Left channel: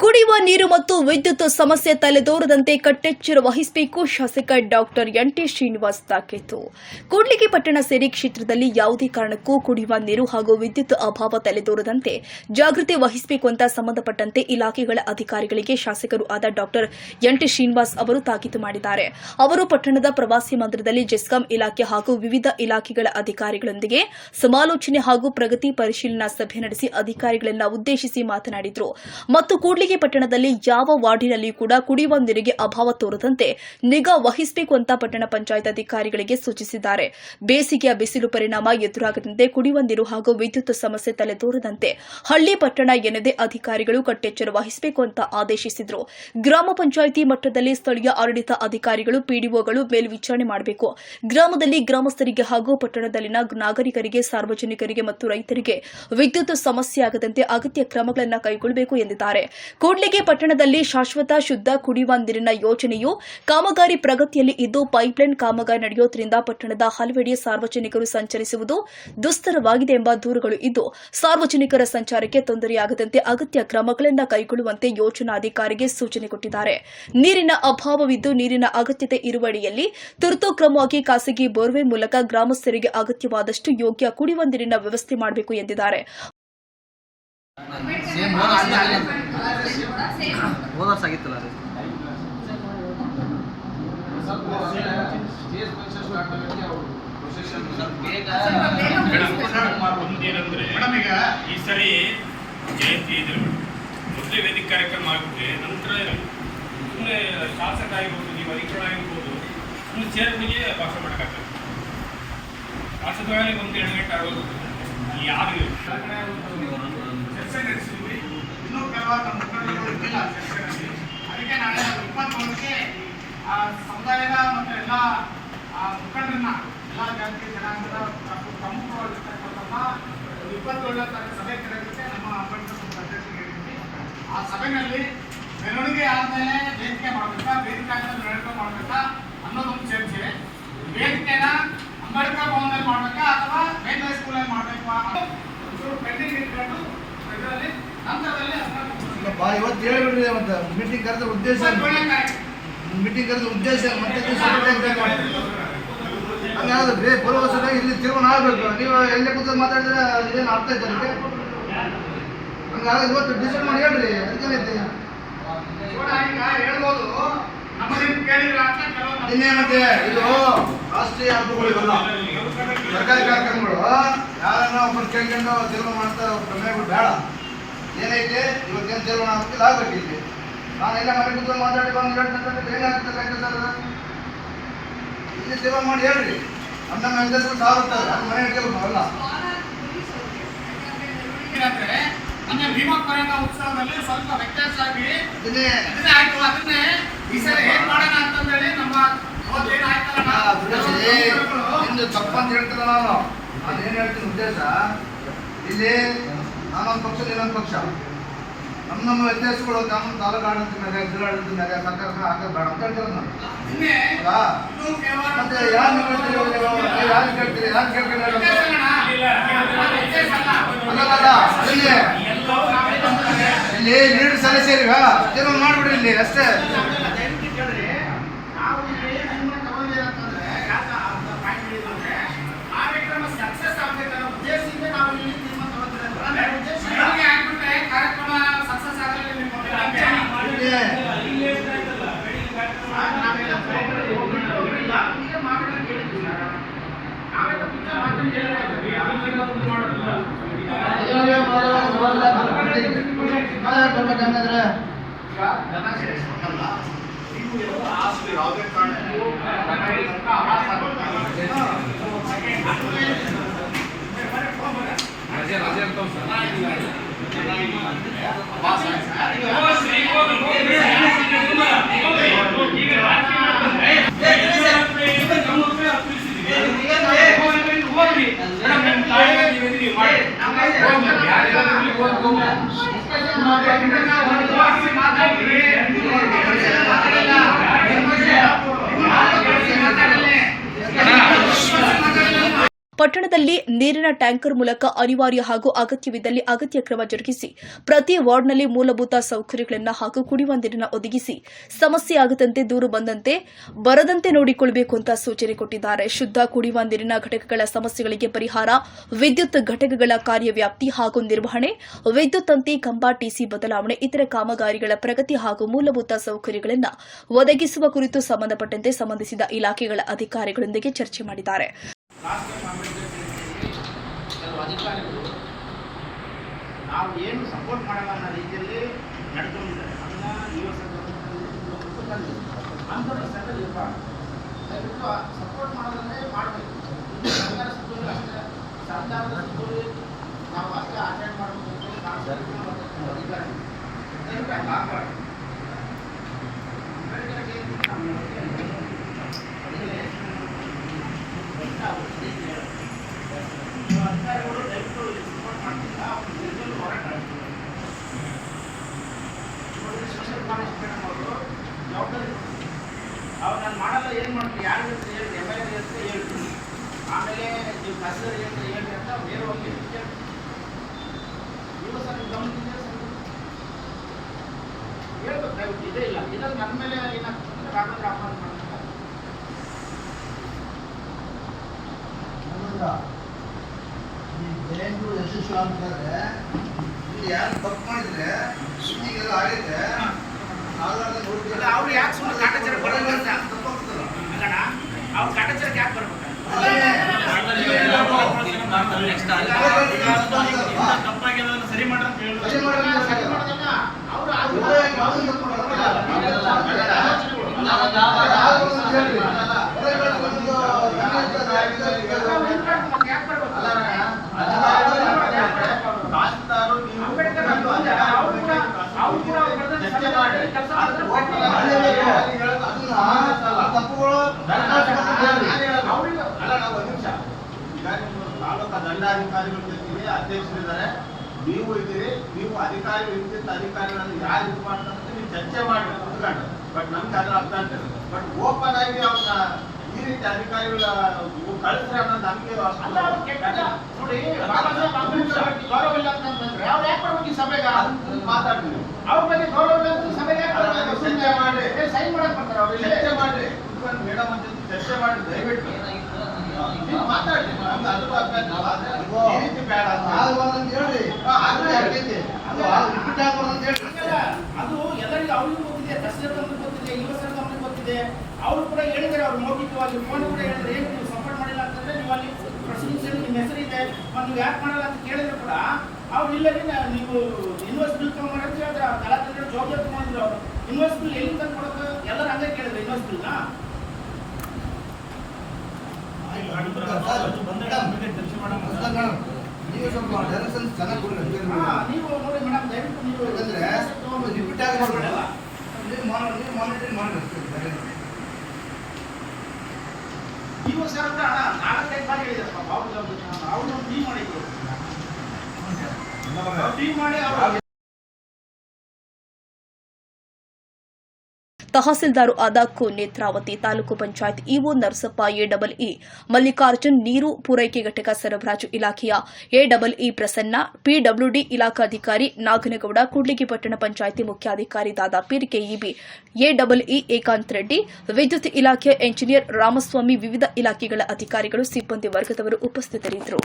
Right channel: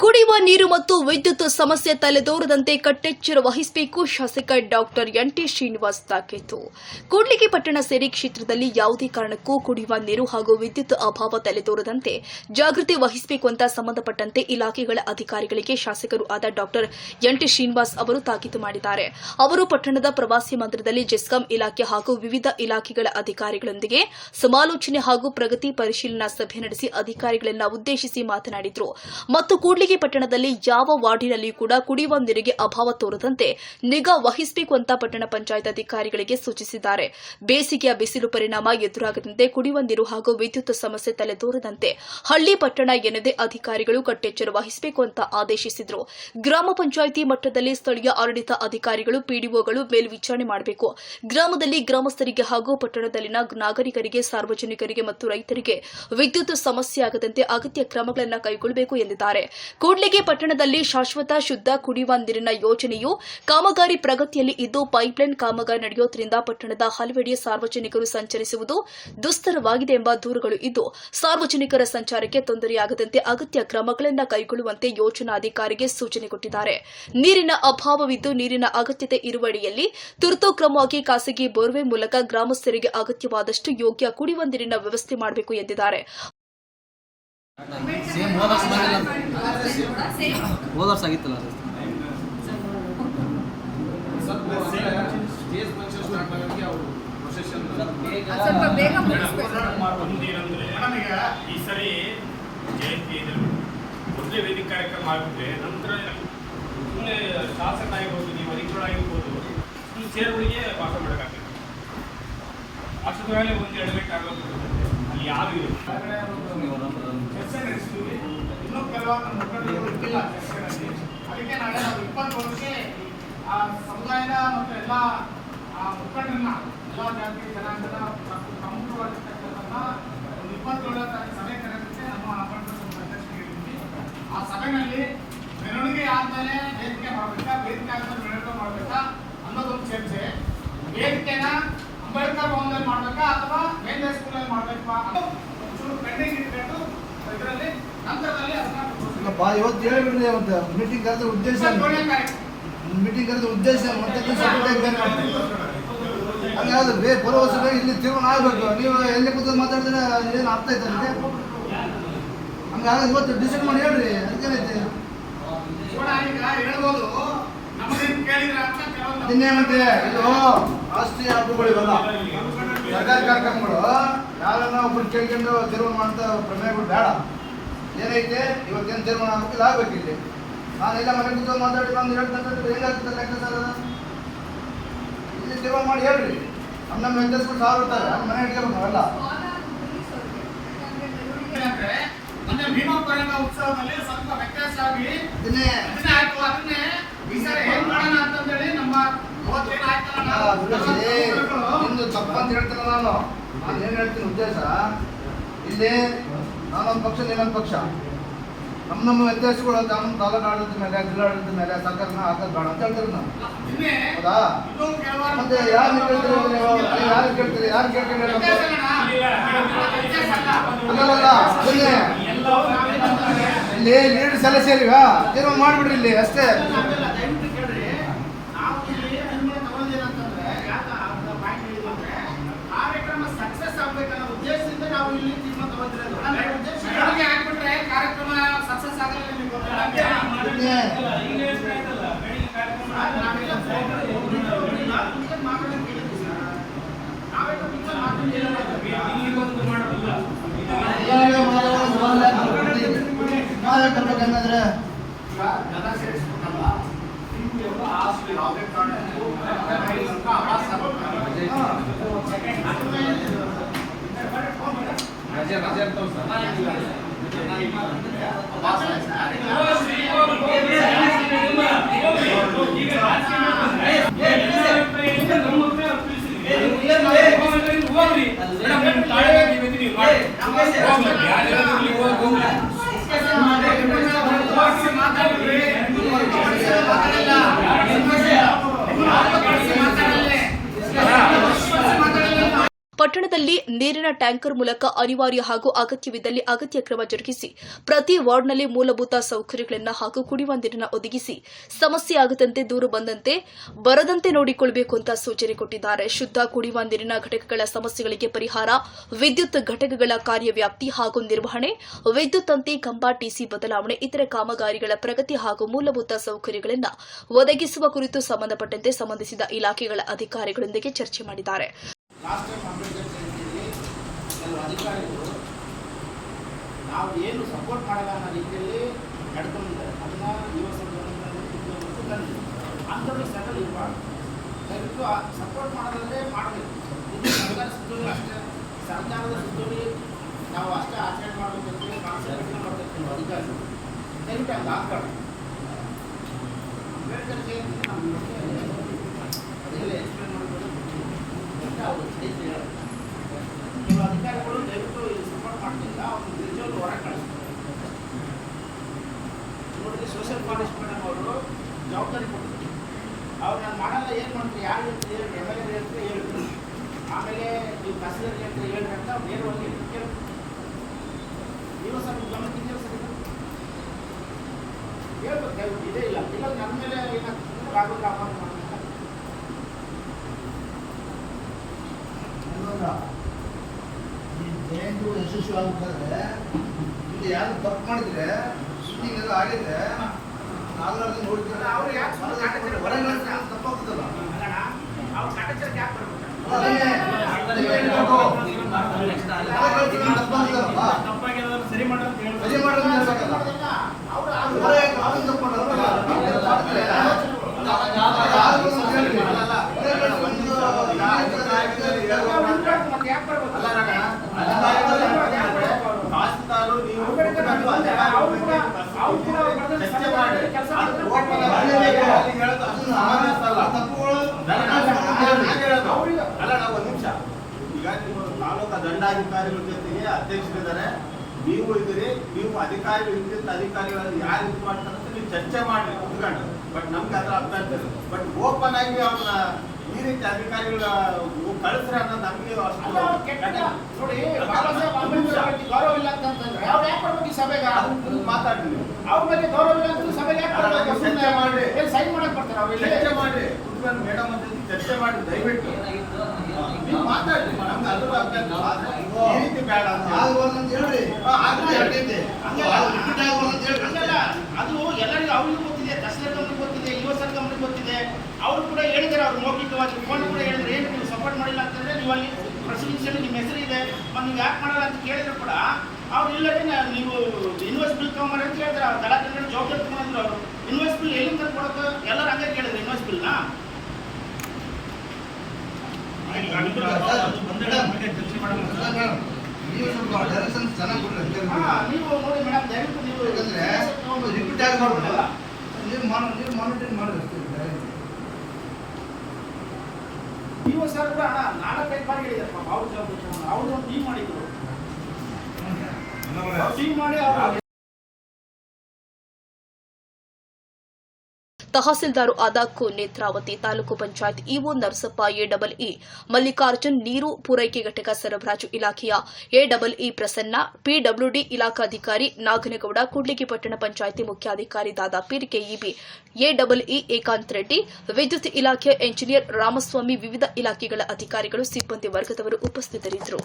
ಕುಡಿಯುವ ನೀರು ಮತ್ತು ವಿದ್ಯುತ್ ಸಮಸ್ಯೆ ತಲೆದೋರದಂತೆ ಕಟ್ಟೆಚ್ಚರ ವಹಿಸಬೇಕು ಶಾಸಕ ಡಾಕ್ಟರ್ ಎನ್.ಟಿ. ಶ್ರೀನಿವಾಸ್ ತಾಕೀತು. ಕೂಡ್ಲಿಗಿ ಪಟ್ಟಣ ಸೇರಿ ಕ್ಷೇತ್ರದಲ್ಲಿ ಯಾವುದೇ ಕಾರಣಕ್ಕೂ ಕುಡಿಯುವ ನೀರು ಹಾಗೂ ವಿದ್ಯುತ್ ಅಭಾವ ತಲೆದೋರದಂತೆ ಜಾಗೃತಿ ವಹಿಸಬೇಕು ಅಂತ ಸಂಬಂಧಪಟ್ಟಂತೆ ಇಲಾಖೆಗಳ ಅಧಿಕಾರಿಗಳಿಗೆ ಶಾಸಕರು ಆದ ಡಾಕ್ಟರ್ ಎನ್.ಟಿ. ಶ್ರೀನಿವಾಸ್ ಅವರು ತಾಕೀತು ಮಾಡಿದ್ದಾರೆ. ಅವರು ಪಟ್ಟಣದ ಪ್ರವಾಸಿ ಮಂದಿರದಲ್ಲಿ ಜೆಸ್ಕಾಂ ಇಲಾಖೆ ಹಾಗೂ ವಿವಿಧ ಇಲಾಖೆಗಳ ಅಧಿಕಾರಿಗಳೊಂದಿಗೆ ಸಮಾಲೋಚನೆ ಹಾಗೂ ಪ್ರಗತಿ ಪರಿಶೀಲನಾ ಸಭೆ ನಡೆಸಿ ಅಧಿಕಾರಿಗಳನ್ನು ಉದ್ದೇಶಿಸಿ ಮಾತನಾಡಿದರು. ಮತ್ತು ಕೂಡ್ಲಿಗಿ ಪಟ್ಟಣದಲ್ಲಿ ಯಾವ ವಾರ್ಡಿನಲ್ಲಿಯೂ ಕೂಡ ಕುಡಿಯುವ ನೀರಿಗೆ ಅಭಾವ ತೋರದಂತೆ ನಿಗಾ ವಹಿಸಬೇಕು ಅಂತ ಪಟ್ಟಣ ಪಂಚಾಯತ್ ಅಧಿಕಾರಿಗಳಿಗೆ ಸೂಚಿಸಿದ್ದಾರೆ. ಬೇಸಿಗೆಯ ಬಿಸಿಲು ಪರಿಣಾಮ ಎದುರಾಗದಂತೆ ಕುಡಿಯುವ ನೀರು ಹಾಗೂ ವಿದ್ಯುತ್ ಸಮಸ್ಯೆ ತಲೆದೋರದಂತೆ ಹಳ್ಳಿ ಪಟ್ಟಣ ಎನ್ನದೇ ಅಧಿಕಾರಿಗಳು ಕಟ್ಟೆಚ್ಚರ ವಹಿಸಬೇಕು ಅಂತ ಆದೇಶಿಸಿದರು. ಗ್ರಾಮ ಪಂಚಾಯಿತಿ ಮಟ್ಟದಲ್ಲಿ ಸ್ಥಳೀಯ ಆಡಳಿತ ಅಧಿಕಾರಿಗಳು ಪಿಡಿಒಗಳು ಮೇಲ್ವಿಚಾರಣೆ ಮಾಡಬೇಕು. ಗ್ರಾಮದಲ್ಲಿ ಗ್ರಾಮಸ್ಥರಿಗೆ ಹಾಗೂ ಪಟ್ಟಣದಲ್ಲಿನ ನಾಗರಿಕರಿಗೆ, ಸಾರ್ವಜನಿಕರಿಗೆ ಮತ್ತು ರೈತರಿಗೆ ವಿದ್ಯುತ್ ಸಮಸ್ಯೆಯಾಗದಂತೆ ಅಗತ್ಯ ಕ್ರಮಗಳನ್ನು ಕೈಗೊಳ್ಳಬೇಕು ಎಂದಿದ್ದಾರೆ. ಕೂಡ್ಲಿಗಿ ಪಟ್ಟಣದಲ್ಲಿ ಶಾಶ್ವತ ಶುದ್ಧ ಕುಡಿಯುವ ನೀರಿನ ಯೋಜನೆಯು ಕಾಮಗಾರಿ ಪ್ರಗತಿಯಲ್ಲಿ ಇದ್ದು ಪೈಪ್ಲೈನ್ ಕಾಮಗಾರಿ ನಡೆಯುವುದರಿಂದ ಪಟ್ಟಣದ ಹಲವೆಡೆ ಸಾರ್ವಜನಿಕರು ಸಂಚರಿಸುವುದು ದುಸ್ತರವಾಗಿದೆ ಎಂಬ ದೂರುಗಳು ಇದ್ದು ಸಾರ್ವಜನಿಕರ ಸಂಚಾರಕ್ಕೆ ತೊಂದರೆಯಾಗದಂತೆ ಅಗತ್ಯ ಕ್ರಮಗಳನ್ನು ಕೈಗೊಳ್ಳುವಂತೆ ಯೋಜನಾಧಿಕಾರಿಗೆ ಸೂಚನೆ ಕೊಟ್ಟಿದ್ದಾರೆ. ನೀರಿನ ಅಭಾವವಿದ್ದು ನೀರಿನ ಅಗತ್ಯತೆ ಇರುವಡಿಯಲ್ಲಿ ತುರ್ತು ಕ್ರಮವಾಗಿ ಖಾಸಗಿ ಬೋರ್ವೆಲ್ ಮೂಲಕ ಗ್ರಾಮಸ್ಥರಿಗೆ ಅಗತ್ಯವಾದಷ್ಟು ಯೋಗ್ಯ ಕುಡಿಯುವ ನೀರಿನ ವ್ಯವಸ್ಥೆ ಮಾಡಬೇಕು ಎಂದಿದ್ದಾರೆ. ಈ ಸರಿ ಜಯಂತಿ ಮೊದಲೇ ವೇದಿಕೆ ಕಾರ್ಯಕ್ರಮ ಆಗಿಬಿಟ್ರೆ ನಂತರ ಸುಮ್ಮನೆ ಶಾಸಕ ಆಗಿರ್ಬೋದು, ನೀವು ಅಧಿಕಾರಿಗಳಾಗಿರ್ಬೋದು, ಸುಮ್ಮನೆ ಚೇರ್ಗಳಿಗೆ ಭಾಷಣ ಮಾಡೋಕ್ಕಾಗ್ತದೆ. ಶಾಸಕರಾಗಲೇ 1-2 ಗಂಟೆ ಆಗೋದು ಅಲ್ಲಿ ಯಾರು ಚರ್ಚೆ ನಡೆಸಿದ್ವಿ. ಇನ್ನೂ ಕೆಲವು ನಮ್ಮ ಮುಖಂಡರು ಇದ್ದಿಲ್ಲ ಚರ್ಚೆಯಲ್ಲಿ. ಅದಕ್ಕೆ ನಾಳೆ 21ಕ್ಕೆ ಸಮುದಾಯದ ಮತ್ತು ಎಲ್ಲ ಮುಖಂಡರನ್ನ ಎಲ್ಲ ಜಾತಿ ಜನಾಂಗದ ಪ್ರಮುಖವಾಗಿರ್ತಕ್ಕಂಥ 27ರ ಸಭೆ ಕರೆಯೋದಕ್ಕೆ ನಮ್ಮ ಅಧ್ಯಕ್ಷರಿಗೆ ಹೇಳಿದ್ವಿ. ಆ ಸಭೆಯಲ್ಲಿ ಮೆರವಣಿಗೆ ಆದ್ಮೇಲೆ ವೇದಿಕೆ ಮಾಡಬೇಕಾ, ವೇದಿಕೆ ಆದ್ಮೇಲೆ ಮೆರವಣಿಗೆ ಮಾಡಬೇಕಾ ಅನ್ನೋದೊಂದು ಚರ್ಚೆ. ವೇದಿಕೆನ ಅಂಬೇಡ್ಕರ್ ಭವನದಲ್ಲಿ ಮಾಡಬೇಕಾ ಅಥವಾ ಮೇನ್ ಹೈಸ್ಕೂಲಲ್ಲಿ ಮಾಡಬೇಕಾ ಪೆಂಡಿಂಗ್ ಇಟ್ಕೊಂಡು ಇದರಲ್ಲಿ ನಂತರದಲ್ಲಿ ಇವತ್ತು ಹೇಳಿಬಿಡ್ರಿ. ಮತ್ತೆ ಮೀಟಿಂಗ್ ಕರೆದ ಉದ್ದೇಶ ಹಂಗಾದ್ರೆ ಬರುವ ಸಭೆ ಇಲ್ಲಿ ತೀರ್ಮಾನ ಆಗಬೇಕು. ನೀವು ಎಲ್ಲಿ ಕೂತು ಮಾತಾಡಿದ್ರೆ ಏನು ಅರ್ಥ ಐತೆ ಅದಕ್ಕೆ? ಹಂಗಾದ್ರೆ ಇವತ್ತು ಡಿಸೈಡ್ ಮಾಡಿ ಹೇಳ್ರಿ. ಅದಕ್ಕೇನೈತೆ ಹೇಳ್ಬೋದು. ಇನ್ನೇನಂತೆ ಇದು ರಾಷ್ಟ್ರೀಯ ಹಬ್ಬಗಳು ಇವೆಲ್ಲ ಸರ್ಕಾರಿ ಕಾರ್ಯಕ್ರಮಗಳು. ಯಾರನ್ನ ಒಬ್ಬರು ಕೇಳ್ಕೊಂಡು ತೀರ್ಮಾನ ಮಾಡ್ತಾ ಪ್ರಮೇಯಗಳು ಬೇಡ. ಏನೈತೆ ಇವತ್ತೇನು ತೀರ್ಮಾನ ಆಗ್ಬೇಕು, ಆಗ್ಬೇಕು. ಇಲ್ಲಿ ನಾನು ಎಲ್ಲ ಮನೆ ಕೂತು ಮಾತಾಡಿ ಬಂದು ಹೇಳ್ತಂದ್ರೆ ಏನಾಗ್ತದೆ ಲೆಕ್ಕ ಸರ್? ಇಲ್ಲಿ ತೀರ್ಮಾನ ಮಾಡಿ ಹೇಳ್ರಿ. ನಮ್ಮ ಹೆಂಗಸರು ಸಾರುತ್ತಾರೆ, ಅದು ಮನೆ ಹಿಡ್ಕೊಂಡು ಅಲ್ಲ. ಮೊನ್ನೆ ಭೀಮಾಪುರದ ಉತ್ಸವದಲ್ಲಿ ಸ್ವಲ್ಪ ವ್ಯತ್ಯಾಸ ಆಗಿ ಆಯ್ತು. ಅದನ್ನೇ ಈ ಸಲ ಏನ್ ಮಾಡೋಣ ಅಂತಂದೇಳಿ ನಮ್ಮ ಇನ್ನು ತಪ್ಪಂತ ಹೇಳ್ತಿಲ್ಲ ನಾನು. ನಾನೇನು ಹೇಳ್ತೀನಿ ಉದ್ದೇಶ, ಇಲ್ಲಿ ನಾನೊಂದು ಪಕ್ಷ, ನೀನೊಂದು ಪಕ್ಷ. ನಮ್ಮ ವ್ಯತ್ಯಾಸಗಳು ನಮ್ಮ ತಾಲೂಕು ಆಡಳಿತ ಮ್ಯಾಗ, ಜಿಲ್ಲಾಡಳಿತ ಮ್ಯಾಗ ಸರ್ಕಾರನ ಹಾಕೋದು ಬೇಡ ಅಂತ ಹೇಳ್ತೀರ ನಾನು. ಹೌದಾ? ಮತ್ತೆ ಯಾರು ಕೇಳ್ತೀರಿ? ಯಾರು ಕೇಳ್ತೀರಿ? ಯಾರು ಕೇಳ್ಕೊಂಡು ಇಲ್ಲಿ ಲೀಡರ್ ಸದಸ್ಯರಿಗ ತೀರ್ಮಾನ ಮಾಡ್ಬಿಡ್ರಿ ಇಲ್ಲಿ ಅಷ್ಟೇ. ಬರ್ಬೇಕಂದ್ರೆ ಪಟ್ಟಣದಲ್ಲಿ ನೀರಿನ ಟ್ಯಾಂಕರ್ ಮೂಲಕ ಅನಿವಾರ್ಯ ಹಾಗೂ ಅಗತ್ಯವಿದ್ದಲ್ಲಿ ಅಗತ್ಯ ಕ್ರಮ ಜರುಗಿಸಿ ಪ್ರತಿ ವಾರ್ಡ್ನಲ್ಲಿ ಮೂಲಭೂತ ಸೌಕರ್ಯಗಳನ್ನು ಹಾಗೂ ಕುಡಿಯುವ ನೀರನ್ನು ಒದಗಿಸಿ ಸಮಸ್ಯೆ ಆಗದಂತೆ ದೂರು ಬಂದಂತೆ ಬರದಂತೆ ನೋಡಿಕೊಳ್ಳಬೇಕು ಅಂತ ಸೂಚನೆ ಕೊಟ್ಟಿದ್ದಾರೆ. ಶುದ್ಧ ಕುಡಿಯುವ ನೀರಿನ ಘಟಕಗಳ ಸಮಸ್ಯೆಗಳಿಗೆ ಪರಿಹಾರ, ವಿದ್ಯುತ್ ಘಟಕಗಳ ಕಾರ್ಯವ್ಯಾಪ್ತಿ ಹಾಗೂ ನಿರ್ವಹಣೆ, ವಿದ್ಯುತ್ ತಂತಿ ಕಂಬ ಟಿಸಿ ಬದಲಾವಣೆ, ಇತರ ಕಾಮಗಾರಿಗಳ ಪ್ರಗತಿ ಹಾಗೂ ಮೂಲಭೂತ ಸೌಕರ್ಯಗಳನ್ನು ಒದಗಿಸುವ ಕುರಿತು ಸಂಬಂಧಪಟ್ಟಂತೆ ಸಂಬಂಧಿಸಿದ ಇಲಾಖೆಗಳ ಅಧಿಕಾರಿಗಳೊಂದಿಗೆ ಚರ್ಚೆ ಮಾಡಿದ್ದಾರೆ. ಕೆಲವು ಅಧಿಕಾರಿಗಳು ನಾವು ಏನು ಸಪೋರ್ಟ್ ಮಾಡಲ್ಲ ಅನ್ನೋ ರೀತಿಯಲ್ಲಿ ನಡ್ಕೊಂಡಿದ್ದಾರೆ. ಅಂಥವ್ರಿಗೆ ಸೆಟಲ್ ಇರಬಾರ್ದು. ದಯವಿಟ್ಟು ಸಪೋರ್ಟ್ ಮಾಡೋದಲ್ಲೇ ಮಾಡಬೇಕು. ಇದು ಸರ್ಕಾರ ಸುತ್ತೂರಿ ಅಷ್ಟೇ, ಸರ್ಕಾರದ ಸುತ್ತೂರಿ ನಾವು ಅಷ್ಟೇ ಆಚರಣೆ ಮಾಡಬೇಕು, ಕಾನ್ಸಂಟ್ರೇಟ್ ಮಾಡಬೇಕು ನಾವು ಅಧಿಕಾರಿಗಳು. ದಯವಿಟ್ಟು ಹಂಗೆ ಆಗಬಾರ್ದು. ಅಂಬೇಡ್ಕರ್ ಜಯಂತಿ ನಮ್ಮ ಅಧಿಕಾರಿಗಳು ದಯವಿಟ್ಟು ಸಪೋರ್ಟ್ ಮಾಡ್ತಿಲ್ಲ, ಅವ್ರಿಗೆ ಹೊರಗೆ ಕಳಿಸ್ತಾರೆ. ಸೋಷಿಯಲ್ ಫಾರೆಸ್ಟ್ ಮೇಡಮ್ ಅವರು ಜವಾಬ್ದಾರಿ ಕೊಡ್ತಾರೆ. ಅವ್ರು ನಾನು ಮಾಡಲ್ಲ, ಏನು ಮಾಡ್ತೀವಿ, ಯಾರು ಹೇಳ್ತಾರೆ ಹೇಳಿ, MLA ಹೇಳ್ತಾರೆ ಹೇಳ್ತೀನಿ, ಆಮೇಲೆ ನೀವು ತಹಸೀಲ್ದಾರ್ ಹೇಳ್ತಾರೆ ಹೇಳಿ ಅಂತ ನೇರವಾಗಿ ಕೇಳ್ತೀವಿ. ನೀವು ಸರ್ ನೀವು ಗಮನಿಸಿದ್ರೆ ಸರ್ ಹೇಳ್ಬೇಕು, ದಯವಿಟ್ಟು ಇದೇ ಇಲ್ಲ ಇದ್ರಲ್ಲಿ ನನ್ನ ಮೇಲೆ ಇಲ್ಲ ಕಾಗದ ಆಹ್ವಾನ ಮಾಡ್ತಾರೆ. ಜಯಂತಿ ಯಶಸ್ವಿ ಆಗ್ತಾರೆ. ಇಲ್ಲಿ ಯಾರು ತಪ್ಪು ಮಾಡಿದ್ರೆ ಶೂಟಿಂಗ್ ಆಗಿದ್ರೆ ಅಲ್ಲ, ಅವ್ರು ಯಾಕೆ ಸುಮ್ಮನೆ ಕಾಟಾಚಾರ ಬರೋಲ್ಲ ಅಂತ ತಪ್ಪಾಗ್ತದಲ್ಲ. ಅಲ್ಲಣ್ಣ, ಅವ್ರು ಕಾಟಾಚಾರಕ್ಕೆ ಯಾಕೆ ಬರ್ಬೇಕು? ಸರಿ ಮಾಡೋದು ಸರಿ ಮಾಡೋದನ್ನ ಈಗ ನಿಮ್ಮ ತಾಲೂಕು ದಂಡಾಧಿಕಾರಿಗಳ ಜೊತೆಗೆ ಅಧ್ಯಕ್ಷರಿದ್ದಾರೆ, ನೀವು ಇದ್ದೀರಿ, ನೀವು ಅಧಿಕಾರಿಗಳು ಇಂತಿಂತ ಅಧಿಕಾರಿಗಳನ್ನು ಯಾರು ಇದು ಮಾಡ್ತಾರೆ ಅಂತ ನೀವು ಚರ್ಚೆ ಮಾಡಿ ಕುತ್ಕೊಂಡು. ಬಟ್ ನಮ್ಗೆ ಅದ್ರ ಅರ್ಥ ಆಗ್ತದೆ. ಬಟ್ ಓಪನ್ ಆಗಿ ಅವ್ರನ್ನ ಈ ರೀತಿ ಅಧಿಕಾರಿಗಳ ಕಳಿಸ್ರೆ ಅನ್ನೋದು ನಮಗೆ ಅಷ್ಟು ನೋಡಿ. ಬಾಬಾ ಸಾಹೇಬ್ ಅಂಬೇಡ್ಕರ್ ಅವರಿಗೆ ಗೌರವ ಇಲ್ಲ ಅಂತಂದ್ರೆ ಅವ್ರು ಯಾಕೆ ಬರ್ಬೇಕು ಈ ಸಭೆಗೆ? ಅದನ್ನ ಮಾತಾಡ್ತೀವಿ. ಅವ್ರ ಬಗ್ಗೆ ಗೌರವ ಇಲ್ಲ ಅಂತ ಸಭೆಗೆ ಯಾಕೆ ಬರ್ಬೇಕು? ಚರ್ಚೆ ಮಾಡಿ ಸೈನ್ ಮಾಡಕ್ ಬರ್ತಾರೆ ಅವ್ರು ಇಲ್ಲಿ? ಚರ್ಚೆ ಮಾಡ್ರಿ, ಕುತ್ಕೊಂಡು ಮೇಡಮ್ ಅಂತ ಚರ್ಚೆ ಮಾಡಿ ದಯವಿಟ್ಟು ನೀವು ಮಾತಾಡ್ರಿ. ನಮ್ಗೆ ಅದು ಅರ್ಥ ಆಗ್ತದೆ. ಈ ರೀತಿ ಬೇಡ ಅಂತ ಆಗ್ಬಾರ್ದಂತ ಹೇಳ್ರಿ. ಹಂಗಲ್ಲ, ಅದು ಎಲ್ಲರಿಗೂ ಅವ್ರಿಗೂ ಗೊತ್ತಿದೆ, ತಹಸೀಲ್ದಾರ್ ಗಮನಕ್ಕೆ ಗೊತ್ತಿದೆ, ಯುವಸರ ಗಮನಕ್ಕೆ ಗೊತ್ತಿದೆ. ಅವರು ಕೂಡ ಹೇಳಿದ್ದಾರೆ, ಅವ್ರು ಮೌಖಿಕವಾಗಿ ಫೋನ್ ಕೂಡ ಹೇಳಿದ್ರೆ, ಏನು ನೀವು ಸಪೋರ್ಟ್ ಮಾಡಿಲ್ಲ ಅಂತಂದ್ರೆ ನೀವು ಅಲ್ಲಿ ಪ್ರೊಸೀಡಿಂಗ್ಸ್ ನಿಮ್ಮ ಹೆಸರು ಇದೆ, ಮತ್ತು ನೀವು ಯಾಕೆ ಮಾಡಲ್ಲ ಅಂತ ಕೇಳಿದ್ರು ಕೂಡ ಅವ್ರು ಇಲ್ಲದೆ ನೀವು ಇನ್ವೆಸ್ಟ್ ಬಿಲ್ ತಗೊಂಬರಿ ಅಂತ ಹೇಳ್ತಾರೆ. ಅವ್ರು ತಲಾಖೆ ಜವಾಬ್ದಾರಿ ತಗೊಂಡ್ರು. ಅವರು ಇನ್ವೆಸ್ಟ್ ಬಿಲ್ ಎಲ್ಲಿಂದ ಕೊಡೋದು ಎಲ್ಲರೂ ಹಂಗೆ ಕೇಳಿದ್ರು ಇನ್ವೆಸ್ಟ್ ಬಿಲ್ನ. ನೀವು ಸ್ವಲ್ಪ ಡೈರೆಕ್ಷನ್ ಚೆನ್ನಾಗಿ ಕೊಡ್ರಿ. ನೀವು ನೋಡಿ ಮೇಡಮ್, ದಯವಿಟ್ಟು ನೀವು ಯಾಕಂದ್ರೆ ರಿಪೀಟ್ ಆಗಬಾರ್ದು. ನೀವು ಮಾನಿಟರಿಂಗ್ ಮಾಡಿ. ನೀವು ಸರ್ ಅಂದ್ರೆ ಹಣ 4-5 ಬಾರಿ ಹೇಳಿದಾರೆ. ಅವ್ರು ಫೀ ಮಾಡಿದ್ರು, ಫೀ ಮಾಡಿ ಅವರು ತಹಸೀಲ್ದಾರ್ ಆದ ನೇತ್ರಾವತಿ, ತಾಲೂಕು ಪಂಚಾಯತ್ ಇಒ ನರಸಪ್ಪ, ಎಡಬ್ಲ್ಇ ಮಲ್ಲಿಕಾರ್ಜುನ್, ನೀರು ಪೂರೈಕೆ ಘಟಕ ಸರಬರಾಜು ಇಲಾಖೆಯ ಎಡಬ್ಲ್ಇ ಪ್ರಸನ್ನ, ಪಿಡಬ್ಲ್ಯೂಡಿ ಇಲಾಖಾಧಿಕಾರಿ ನಾಗನಗೌಡ, ಕೂಡ್ಲಿಗಿ ಪಟ್ಟಣ ಪಂಚಾಯಿತಿ ಮುಖ್ಯಾಧಿಕಾರಿ ದಾದಾಪೀರ್, ಕೆಇಬಿ ಎಡಬ್ಲ್ಇ ಏಕಾಂತ್ ರೆಡ್ಡಿ, ವಿದ್ಯುತ್ ಇಲಾಖೆಯ ಎಂಜಿನಿಯರ್ ರಾಮಸ್ವಾಮಿ, ವಿವಿಧ ಇಲಾಖೆಗಳ ಅಧಿಕಾರಿಗಳು, ಸಿಬ್ಬಂದಿ ವರ್ಗದವರು ಉಪಸ್ಥಿತರಿದ್ದರು.